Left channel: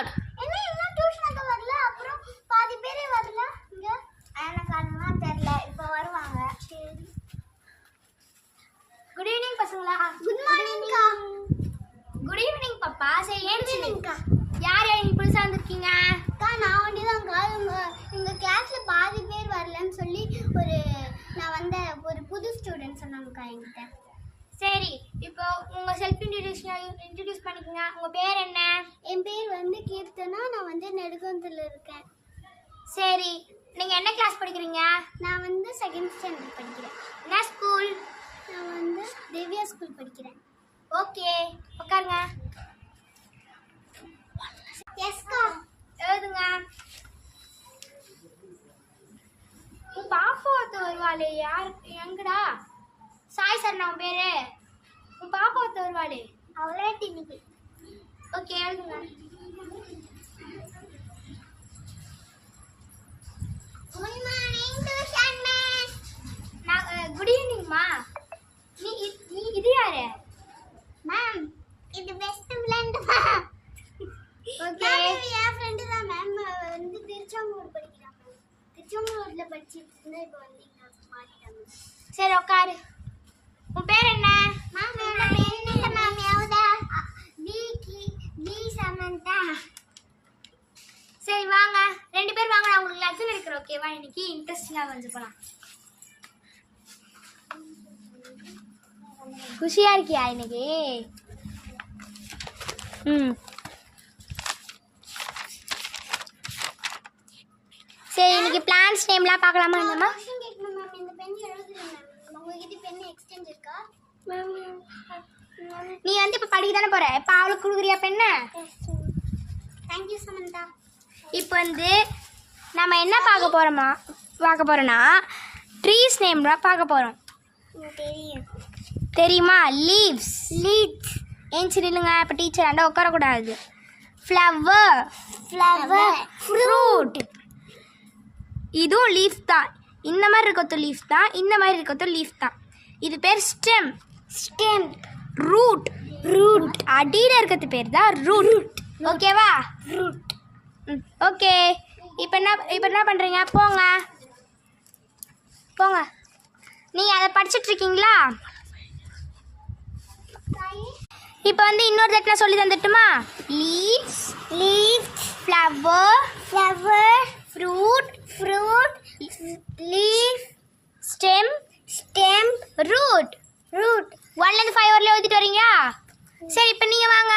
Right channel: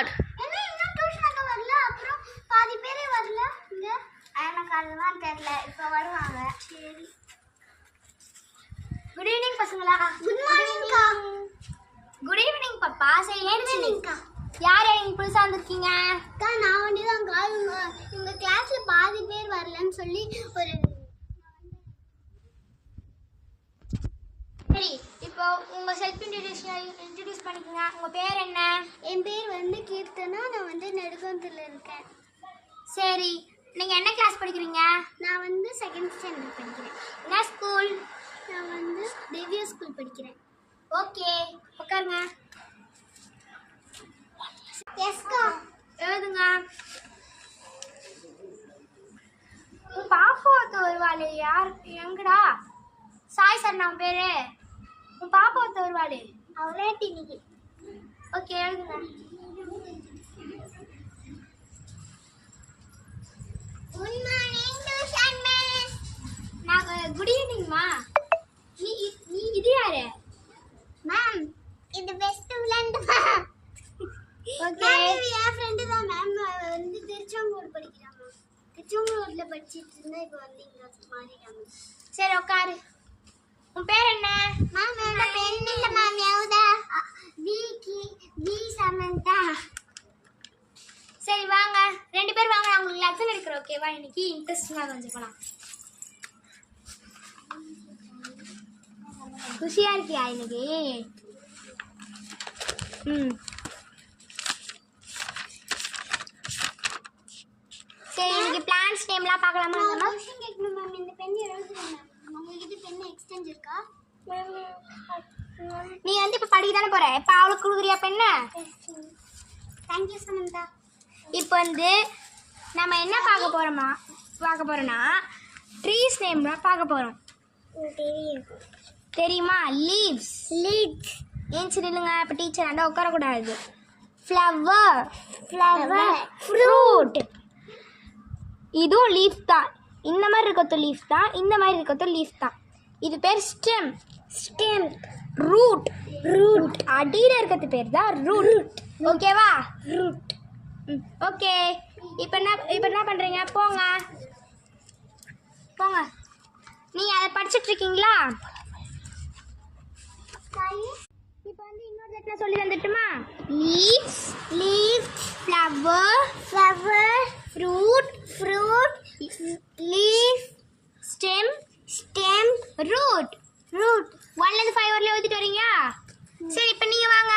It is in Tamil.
என்ன இன்னும் டியூஷன் அங்க வரல அப்புறம் பாதி பேரே வரல இங்க எனக்கு அதெல்லாம் தெரியல இப்போ வருவாங்க சரி குட் ஈவினிங் பசங்களா குட் மார்னிங்க்கா குட் ஈவினிங் பாப்பா சரி ஏன் ஈவினிங்க்கா யார் நீங்க புதுசா வந்திருக்கீங்க அக்கா நான் வந்துதான்க்கா உங்க கிளாஸ்ல பாதி பேர் வரலன்னு சொல்லி நான் வந்த ஒரு புது ஸ்டூடெண்ட் சொன்னாங்கக்கா என்கிட்ட சரி இப்போ உங்க செல்ஃப் இன்ட்ரடியூஸ் பண்ணிக்கோங்க உங்க பேர் என்ன என் பேர் வந்து கீர்த்தனா நான் வந்து நெடுங்கோந்தில் இருக்கேன் சரி நீங்க என்ன கிளாஸ் படிக்கிறீங்க நான் வந்து செகண்ட் ஸ்டாண்டர்ட் படிக்கிறேன் என்ன ஸ்கூல் நான் வந்து தேவியா ஸ்கூல் படிக்கிறேன் ஓகே உட்காருங்க எஸ்கா எழுதுங்க உன் பாப்பா வருவாளே யார் எங்கடா சாய் சார் நான் பேரு உன் பாப்பா வருவாளே அவளே இன்னைக்கு ஓகே எழுதுங்க குட் மார்னிங் டியூஷன் மிஸ் நான் குட் ஈவினிங்மா நீ இது யாரு மேம் இது பெஸ்ட் ஃப்ரெண்ட் ஓகே என் ஃப்ரெண்டு தான் மேம் வந்து திருச்செங்கோடு படிக்கிறான் மேம் திருச்செங்கோடுல படிச்சிட்டு இருந்தா இப்போ வந்து இங்க மாறிட்டாங்க சரி உட்காரு உன் பேர் என்ன மேம் என்ன மேம் யாவுதா வி சமந்தா சரி வாங்க 2 பேர் வாங்க நான் உங்களுக்கு லெசன் எடுக்கிறேன் ஓகேவா இன்னைக்கு இன்ட்ரெஸ்டிங்காக கொஞ்சம் போலாம் குஷியா இருக்கியா இன்னைக்கு சரி இன்னைக்கு பிளான்ஸ் நேம்லாம் பார்க்கலாமா நம்ம क्वेश्चन கேட்கணும் மேம் இந்த பென் எழுதுறேன் மேம் உங்ககிட்ட பென் எக்ஸ்சேஞ்ச் இருக்கா நீ வந்து இப்போ படிக்க தானே போற இப்போ அவளுக்கு கொடுக்குறியா பெண்ண தேங்க் யூ சமந்தா இப்போ வந்து நம்ம என்ன பார்க்க போறோம்னா ட்ரீஸ் நேம்லாம் பார்க்க போறோம் தெரியும் தெரியுமா லீவ்ஸ் ஏன் சரிங்க இப்போ டீச்சர் ஆண்டா உட்காரக்கூடாது ஃப்ளவர் ஃப்ரூட் இதுவும் லீஃப் தான் இந்த மாதிரி இருக்கிறது லீஃப் தான் இந்த மாதிரி இருக்கிறது லீஃப் தான் இது பேர் ஸ்டெம் ரூட் அடியில் இருக்கிறது பேர் தான் ரூட் ஓகேவா ஓகே இப்போ என்ன பண்ணுறீங்க போங்க நீங்கள் அதை படிச்சுட்டு இருக்கீங்களா இப்போ வந்து இன்னொரு தடவை சொல்லி தந்துட்டுமா leaves flower fruit leaf stem root 1லேருந்து 5 வரல எழுதிட்டு வரீங்களா சரி இப்போ நீங்கள் வாங்க